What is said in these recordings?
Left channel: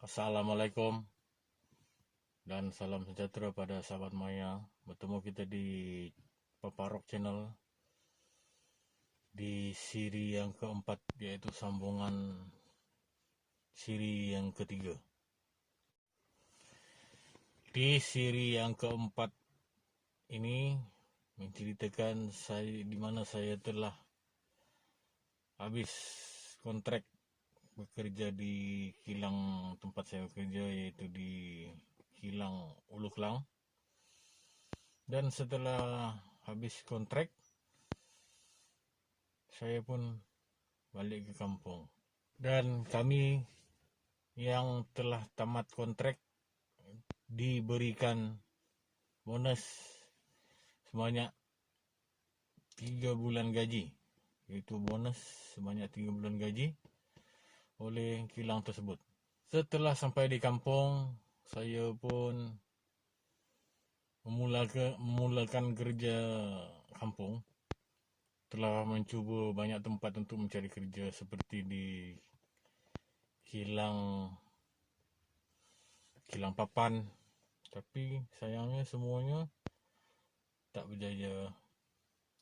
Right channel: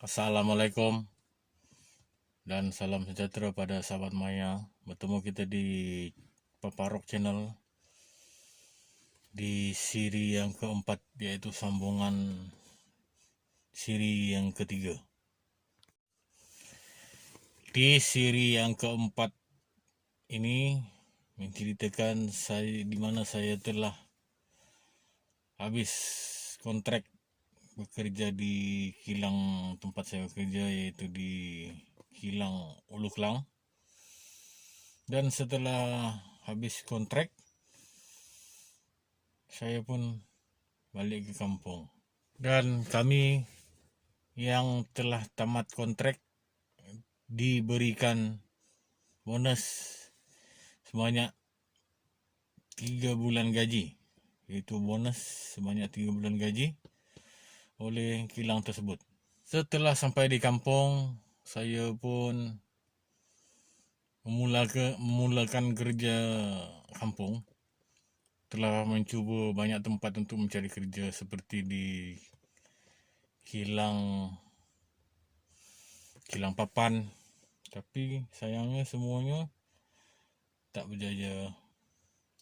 Assalamualaikum dan salam sejahtera pada sahabat Maya. Bertemu kita di Paparok Channel di siri yang keempat, yaitu sambungan siri yang ketiga. Di siri yang keempat ini menceritakan di mana saya telah habis kontrak bekerja di kilang tempat saya bekerja, yaitu di kilang Ulu Klang. Dan setelah habis kontrak, saya pun balik ke kampung. Dan kami yang telah tamat kontrak diberikan bonus sebanyak 3 bulan gaji, yaitu bonus sebanyak 3 bulan gaji oleh kilang tersebut. Setelah sampai di kampung, saya pun memulakan kerja kampung. Telah mencuba banyak tempat untuk mencari kerja, seperti di kilang papan, tapi sayangnya semuanya tak berjaya.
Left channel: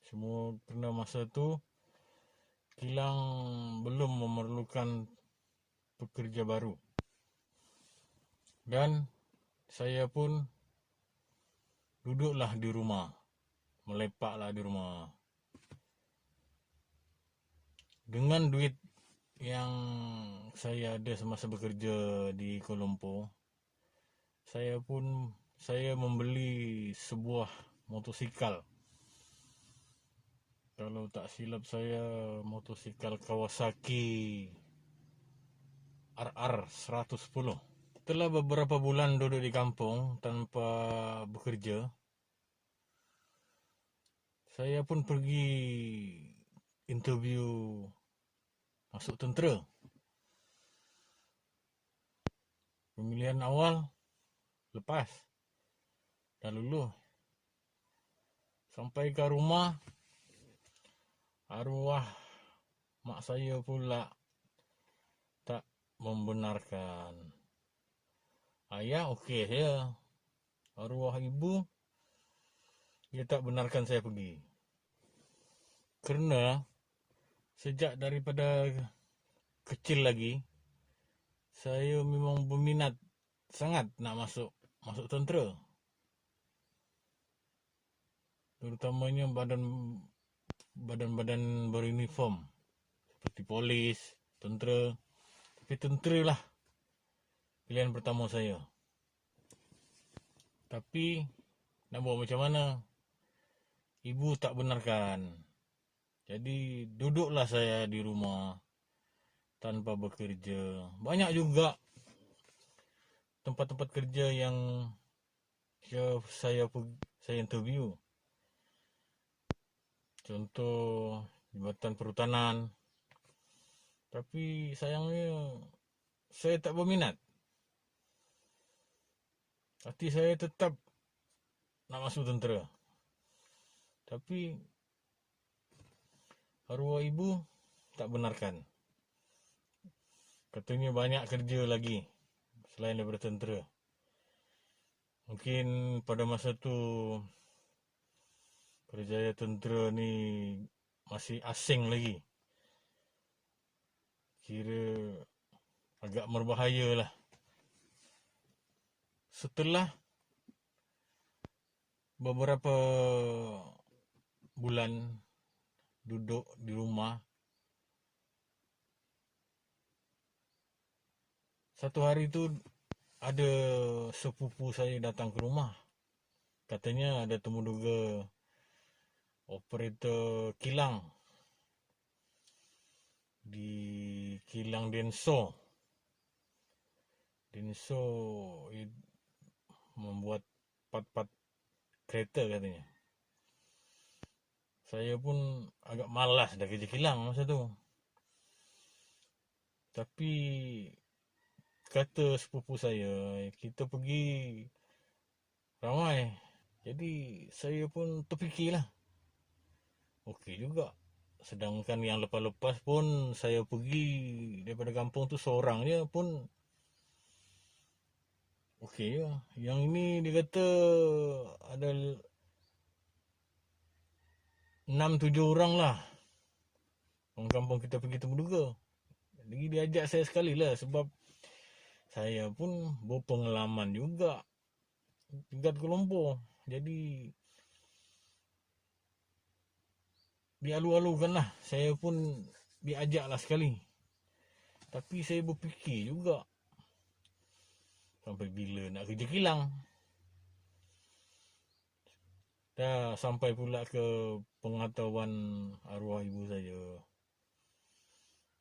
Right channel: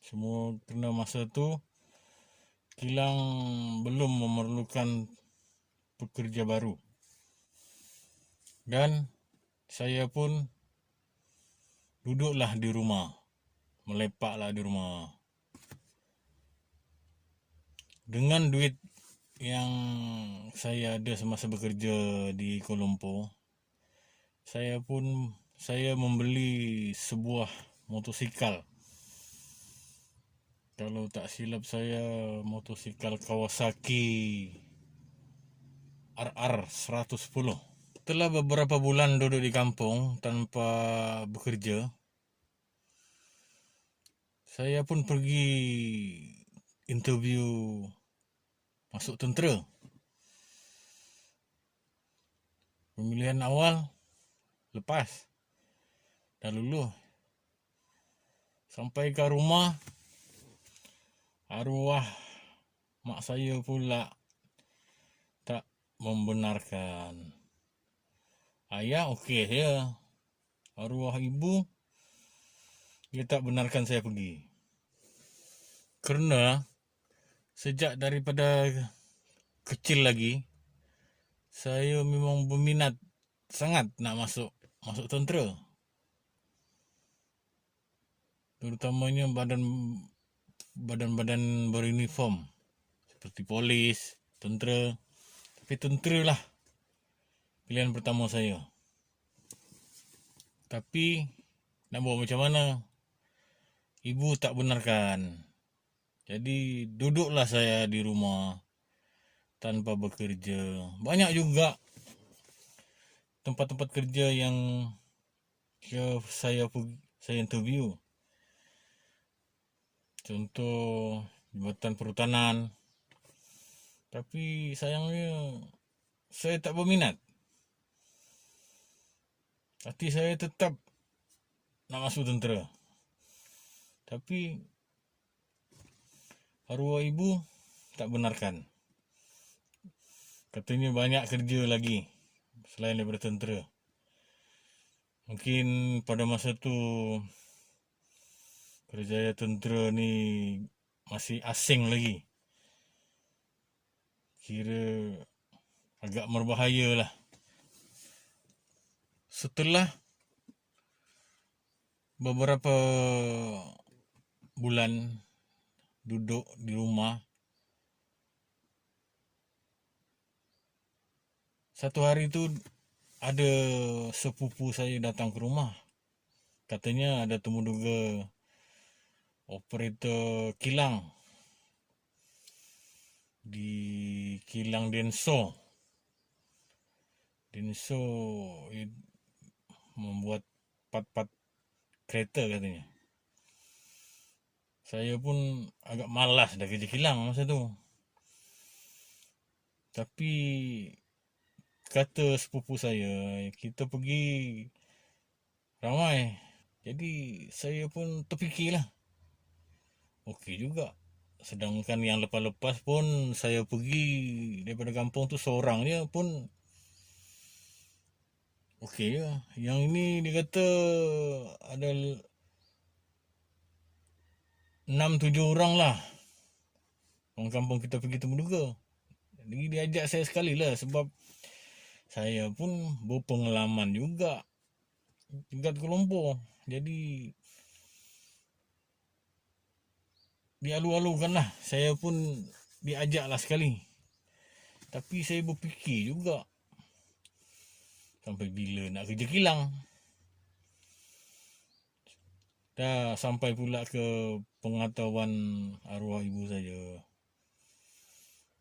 Semua kerana masa tu kilang belum memerlukan pekerja baru, dan saya pun duduklah di rumah, melepaklah di rumah. Dengan duit yang saya ada semasa bekerja di Kuala Lumpur, saya membeli sebuah motosikal. Kalau tak silap saya, motosikal Kawasaki RR 110. Setelah beberapa bulan duduk di kampung tanpa bekerja, saya pun pergi interview masuk tentera. Pemilihan awal lepas, dah lulus. Sampai ke rumah, arwah mak saya pula tak membenarkan. Ayah okey saja, arwah ibu dia tak benarkan saya pergi. Kerana sejak daripada kecil lagi, saya memang berminat sangat nak masuk tentera. Terutamanya badan beruniform seperti polis, tentera. Tapi tentera lah pilihan pertama saya. Tapi nak buat macam mana, ibu tak benarkan. Jadi duduklah saya di rumah tanpa bekerja. Banyak juga tempat-tempat kerja yang saya interview. Contoh Jabatan Perhutanan. Tapi sayangnya saya tak berminat. Hati saya tetap nak masuk tentera. Tapi arwah ibu tak benarkan. Katanya banyak kerja lagi selain daripada tentera. Mungkin pada masa tu kerjaya tentera ni masih asing lagi. Kira agak berbahaya lah. Setelah beberapa bulan duduk di rumah, satu hari tu ada sepupu saya datang ke rumah. Katanya ada temuduga operator kilang di kilang Denso membuat part-part kereta katanya. Saya pun agak malas dah kerja kilang masa tu. Tapi kata sepupu saya, kita pergi ramai. Jadi saya pun terfikirlah, okey juga. Sedangkan yang lepas-lepas pun saya pergi daripada kampung tu seorang je pun okey je. Yang ini dia kata ada 6-7 orang lah orang kampung kita pergi Temuduga. Jadi dia ajak saya sekali lah sebab saya pun berpengalaman juga tingkat Kuala Lumpur. Jadi dialu-alukan lah. Saya pun diajak lah sekali. Tapi saya berfikir juga, sampai bila nak kerja kilang. Dah sampai pula ke pengetahuan arwah ibu saya.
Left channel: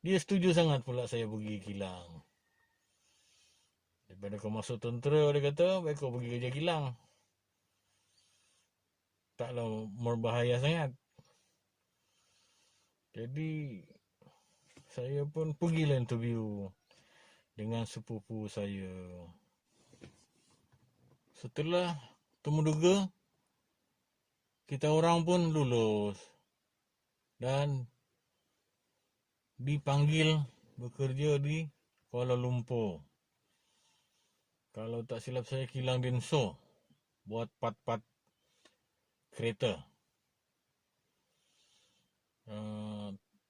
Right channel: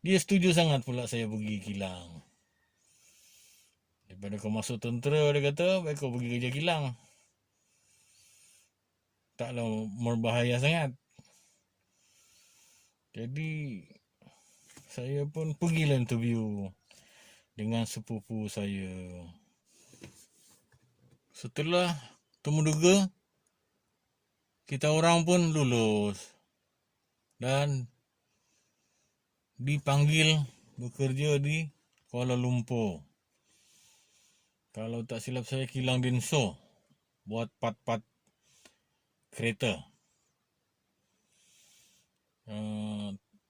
Dia setuju sangat pula saya pergi kilang. Daripada kau masuk tentera, dia kata, baik kau pergi kerja kilang. Taklah berbahaya sangat. Jadi saya pun pergilah interview dengan sepupu saya. Setelah Temuduga, kita orang pun lulus dan dipanggil bekerja di Kuala Lumpur. Kalau tak silap saya, kilang Denso, buat part-part kereta.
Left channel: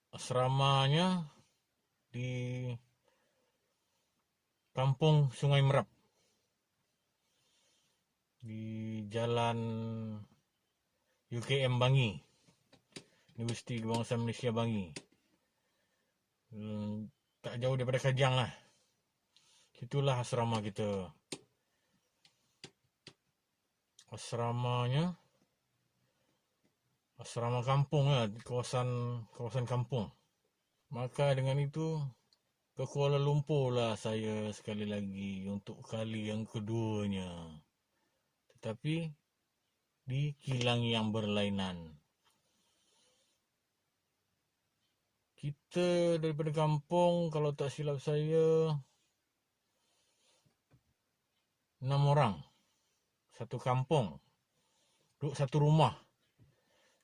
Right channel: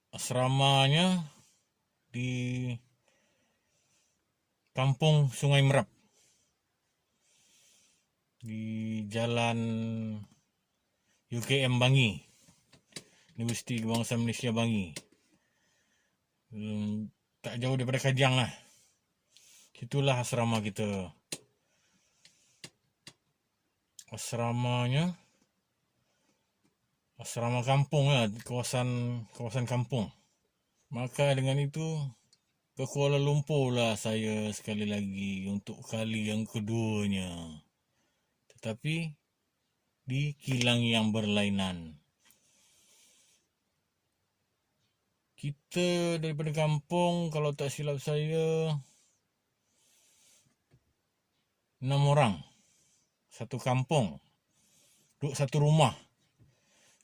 Asramanya di Kampung Sungai Merap, di Jalan UKM Bangi, Universiti Kebangsaan Malaysia Bangi. Tak jauh daripada Kajang lah. Itulah asrama kita. Asramanya asrama kampung lah, kawasan kampung. Maka dengan itu ke Kuala Lumpur lah saya sekali lagi untuk kali yang keduanya. Tetapi di kilang yang berlainan. Kita daripada kampung, kalau tak silap saya, 6 orang. Satu kampung. Duduk satu rumah.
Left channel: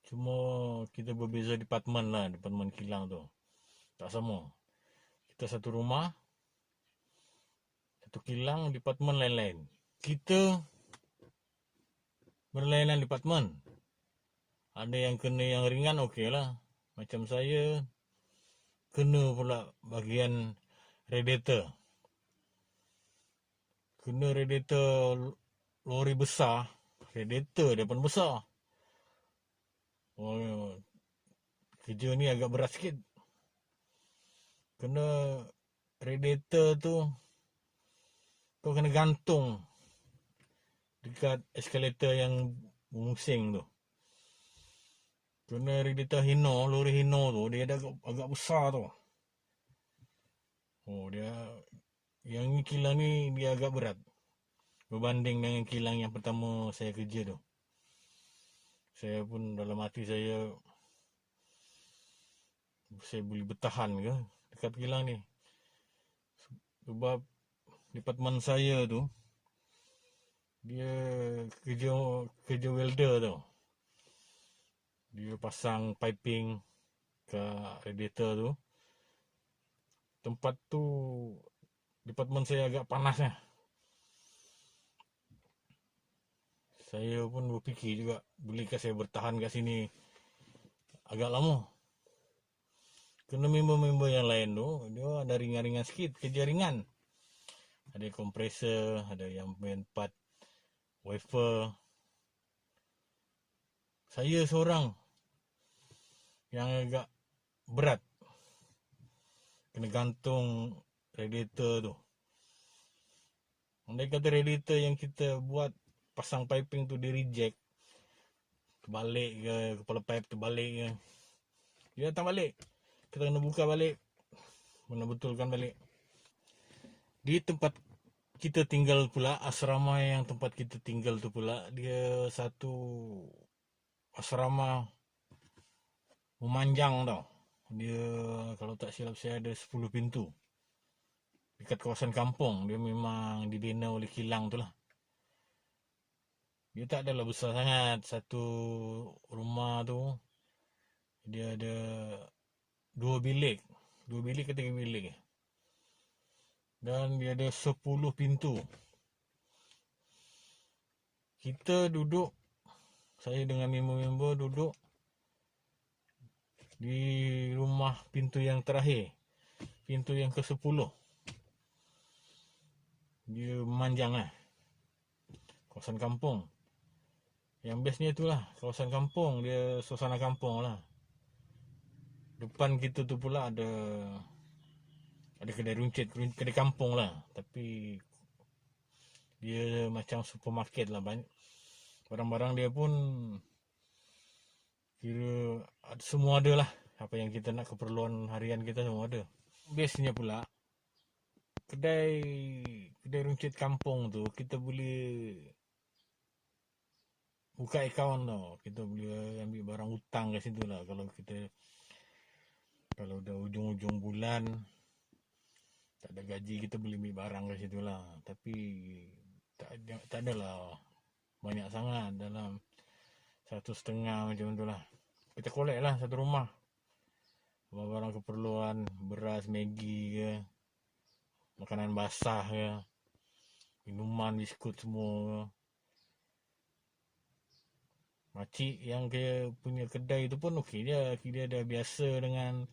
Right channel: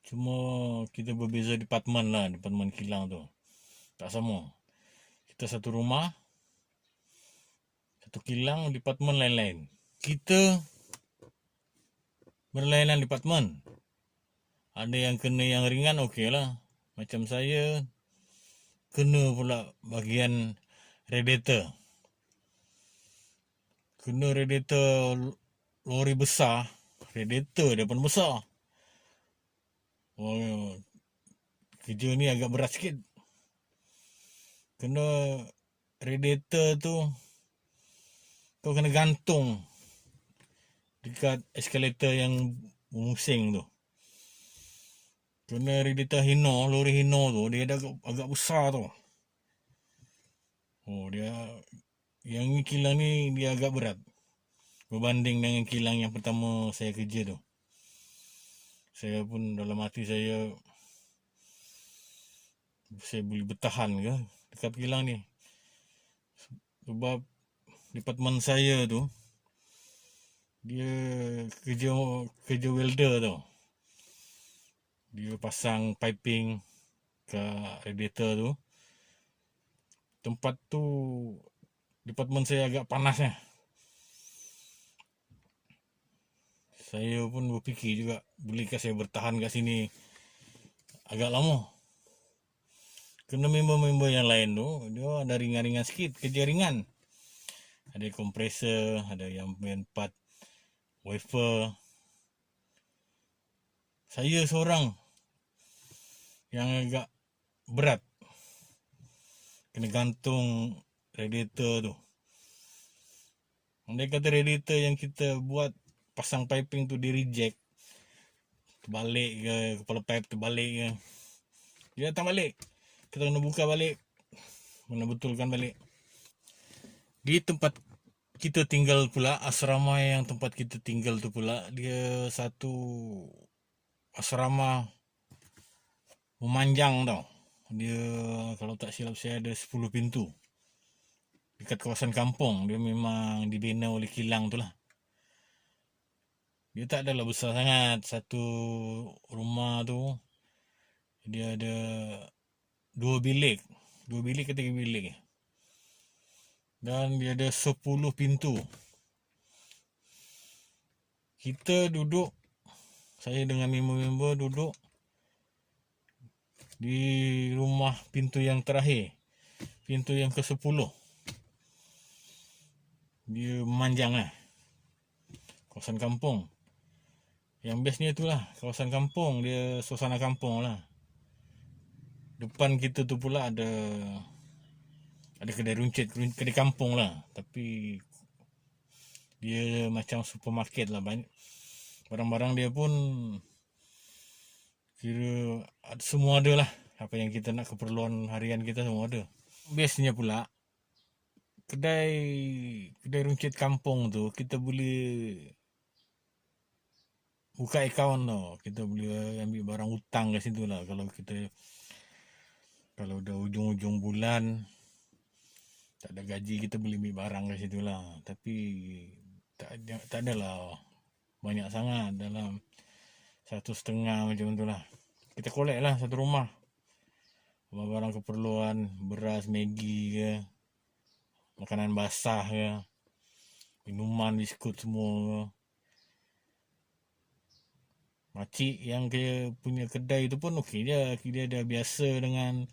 Cuma kita berbeza departmen lah, departmen kilang tu. Tak sama. Kita satu rumah, satu kilang, departmen lain-lain. Kita berlainan departmen. Ada yang kena yang ringan, okey lah. Macam saya, kena pula bahagian radiator. Kena radiator lori besar. Radiator dia pun besar. Oh, kerja ni agak berat sikit. Kena radiator tu, kau kena gantung dekat eskalator yang musing tu. Kena radiator Hino, lori Hino tu, dia dah agak besar tu. Oh, dia yang ni kilang ni dia agak berat berbanding dengan kilang yang pertama saya kerja tu. Saya pun dalam hati saya boleh bertahan ke dekat kilang ni. Sebab departmen saya tu, dia kerja welder tu. Dia pasang piping ke radiator tu. Tempat tu, departmen saya agak panasnya. Saya pun berfikir juga, bolehkah saya bertahan kat sini agak lama. Kena member-member yang lain tu, dia ada ringan-ringan sikit, kerja ringan. Ada kompresor, ada yang main part wafer. Saya seorang yang agak berat. Kena gantung radiator tu. Andai kata radiator yang kita buat pasang piping tu di reject, terbalik ke, kepala pipe terbalik ke, dia datang balik, kita kena buka balik, kena betulkan balik. Di tempat kita tinggal pula, asrama yang tempat kita tinggal tu pula, dia satu asrama memanjang tau. Dia kalau tak silap saya ada 10 pintu. Dekat kawasan kampung, dia memang dibina oleh kilang tu lah. Dia tak adalah besar sangat. Satu rumah tu, dia ada 2 bilik. 2 bilik ke 3 bilik. Dan dia ada 10 pintu. Kita duduk, saya dengan member-member duduk di rumah pintu yang terakhir, pintu yang ke-10. Dia memanjang lah, kawasan kampung. Yang bestnya itulah kawasan kampung, dia suasana kampung lah. Depan kita tu pula ada kedai runcit, kedai kampung lah, tapi dia macam supermarket lah. Banyak barang-barang dia pun kira semua ada lah, apa yang kita nak, keperluan harian kita semua ada. Bestnya pula kedai runcit kampung tu kita boleh buka akaun tu, kita boleh ambil barang hutang kat situ lah. Kalau dah ujung-ujung bulan tak ada gaji, kita boleh ambil barang kat situ lah. Tapi tak adalah banyak sangat, dalam 1,5 macam tu lah. Kita collect lah satu rumah, barang keperluan, beras, Maggi ke, makanan basah ke, minuman, biskut semua ke. Makcik yang punya kedai tu pun okey je, dia dah biasa dengan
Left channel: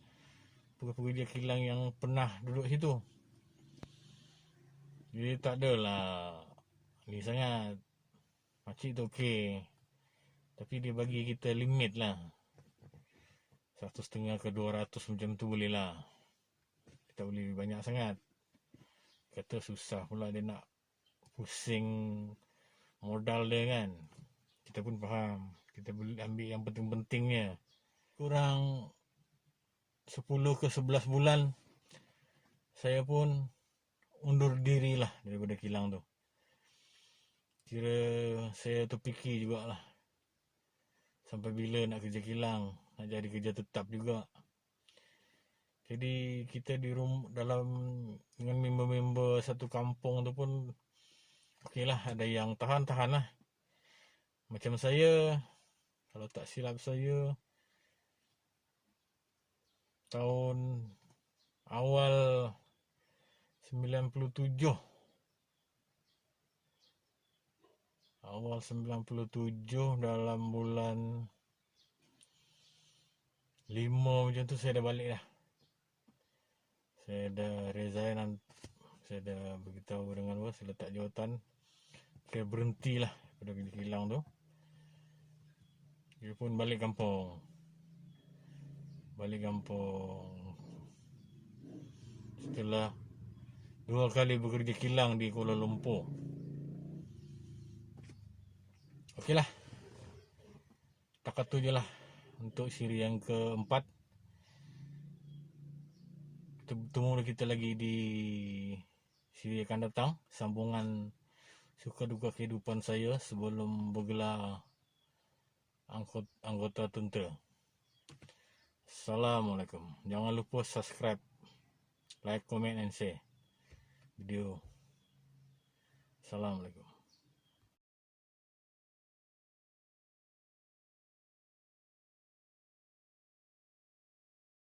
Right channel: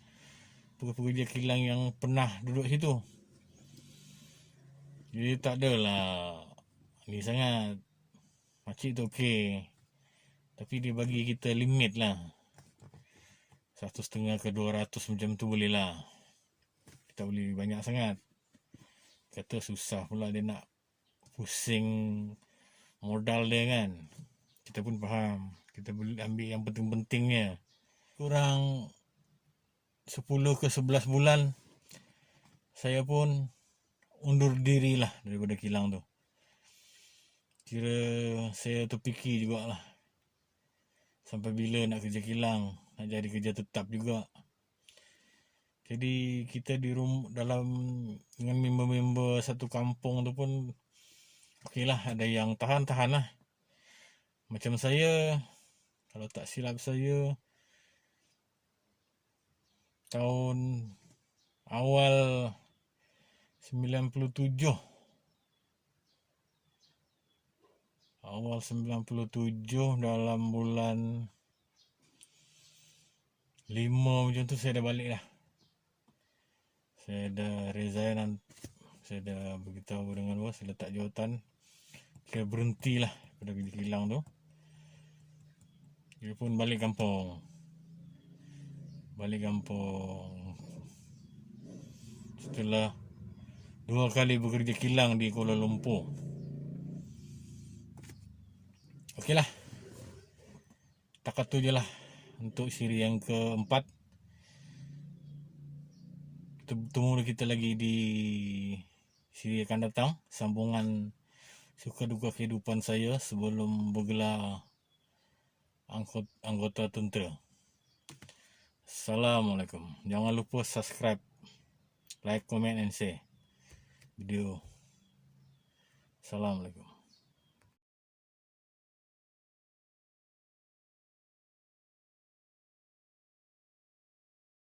pekerja kilang yang pernah duduk situ. Jadi tak adalah ni sangat. Makcik tu okey, tapi dia bagi kita limit lah, 1,5 ke 200 macam tu boleh lah. Kita boleh banyak sangat. Kata susah pula dia nak pusing modal dia kan. Kita pun faham, kita boleh ambil yang penting-pentingnya. Kurang 10 ke 11 bulan saya pun undur diri lah daripada kilang tu. Kira saya terfikir jugalah, sampai bila nak kerja kilang, nak jadi kerja tetap juga. Jadi kita di dalam dengan member-member satu kampung tu pun okey lah, ada yang tahan-tahan lah. Macam saya, kalau tak silap saya, tahun awal 97 dalam bulan 5 macam tu saya dah balik lah. Saya dah resign, saya dah beritahu dengan bos, saya letak jawatan, kira berhenti lah pada kerja kilang tu. Dia pun balik kampung. Setelah 2 kali bekerja kilang di Kuala Lumpur. Okey lah, takat tu je lah untuk siri yang keempat. Kita lagi di siri akan datang, sambungan suka duka kehidupan saya sebelum bergelar anggota tentera. Assalamualaikum. Jangan lupa subscribe, like, comment and share video. Assalamualaikum.